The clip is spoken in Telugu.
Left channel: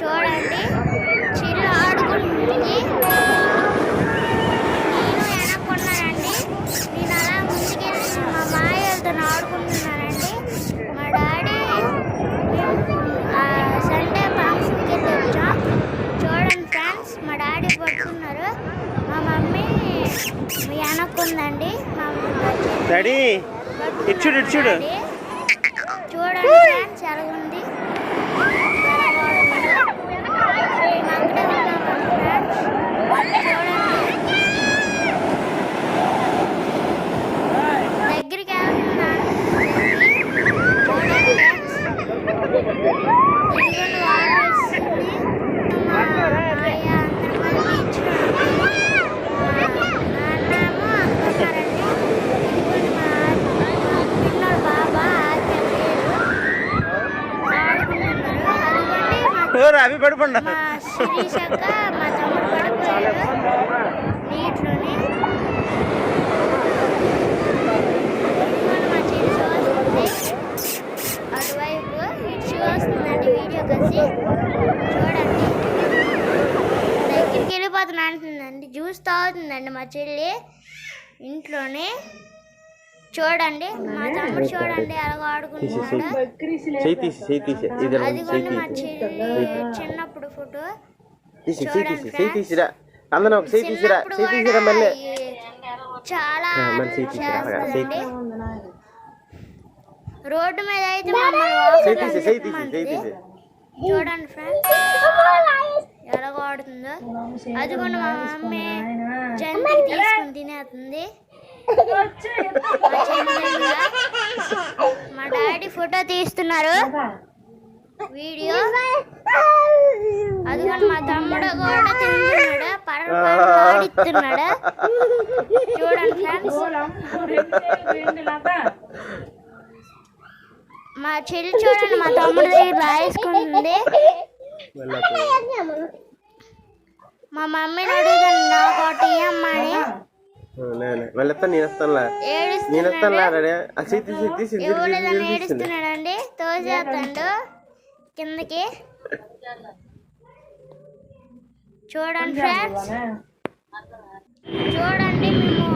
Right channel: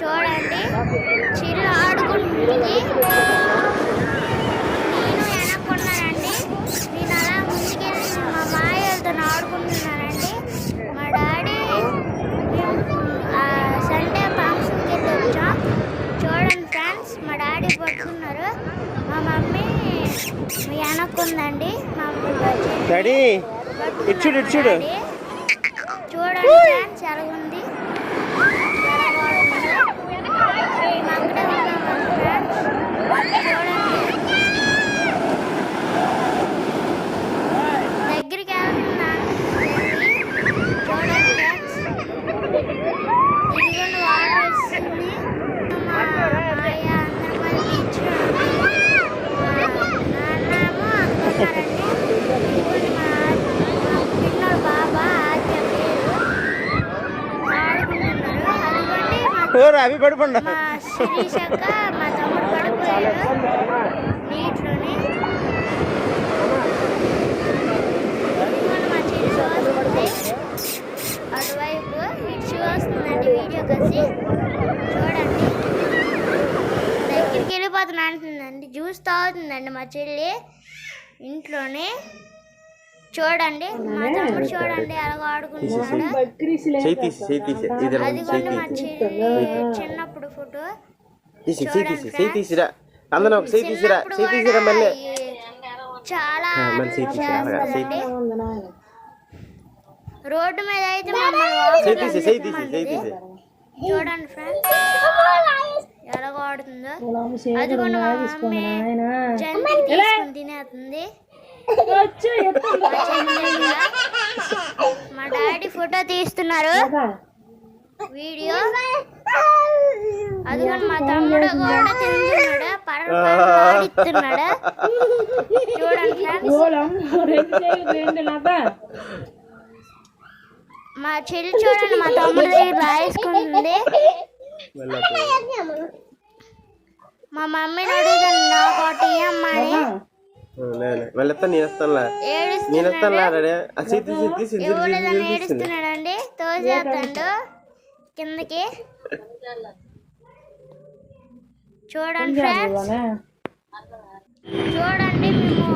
చూడండి చిల్లు ఆడుకుంటుంది. నేను వెనక్కున్నానండి. నేను అలా ముందుకెళ్ళి మా మాయలతో ఆడుకుంటున్నానండి. మా డాడీ మేము సండే ఫంక్షన్కి వెళ్ళి వచ్చాం. చూడండి ఫ్రెండ్స్, మా డాడీ పట్టుకున్నారు, మా మమ్మీ వెనక్కుందండి. మా డాడీ చూడండి ఫ్రెండ్స్ ఎలాగుంది, ఎలా వాడుతుందో. మేము అక్కడే ఉన్నామండి ఫ్రెండ్స్. చూడండి దగ్గరికి వెళ్తున్నాను. చూడండి ఫ్రెండ్స్, ఇదిగోండి వాటర్ వస్తుంది. మా మాయ అందరం మన బీచ్లో ఉన్నాము. నాన్నేమో అక్కడ ఉన్నారండి. ఇదిగోండి మా పిన్నోడు బాబా ఆద్య పేరు ఆడుకుంటున్నారు. అదిగోండి మా శిరీషక్క మా తమ్ముడు పడిపోయాడు నీటిలోని. ఇదిగోండి మా చెల్లి చూస్తుంది అటువైపు, ఇటు చూస్తుందండి వీడియో కలిసి. చూడండి దగ్గరికి వెళ్ళిపోతున్నా అంటుందండి. జ్యూస్ తాగుతుందండి మా చెల్లి ఇంట్లోనే. చూడండి మా తమ్ముడు చూడండి ఎలాగో ఆడుకుంటున్నాడు. అదిగోండి మా చెల్లి చిన్నప్పుడు ఫోటో. చూడండి చాలా చేస్తుందండి. రోడ్డు మీద అయితే మమ్మల్ని చూడండి ఫ్రెండ్స్ ఎలాగో ఆడుతుందో. అదిగోండి మా మమ్మీ జంతికి తీసుకుని తినేస్తుంది. మా డాడీ ఫోటో తీస్తున్నారు వీడియో. అదిగోండి మా తమ్ముడు కూడా తింటున్నాడు, ఆడిస్తున్నాడు. చూడండి ఫ్రెండ్స్, మా చెల్లి చూడండి మా తమ్ముడు దగ్గర రాసుకుంటుంది. మా మమ్మీని అడుగుతాను నాకు ఒకటి ఇయ్యమ్మా అని. ఏడుస్తున్నాడండి, తోసేస్తాడు కిందకి. చూడండి ఫ్రెండ్స్, చూడండి మేము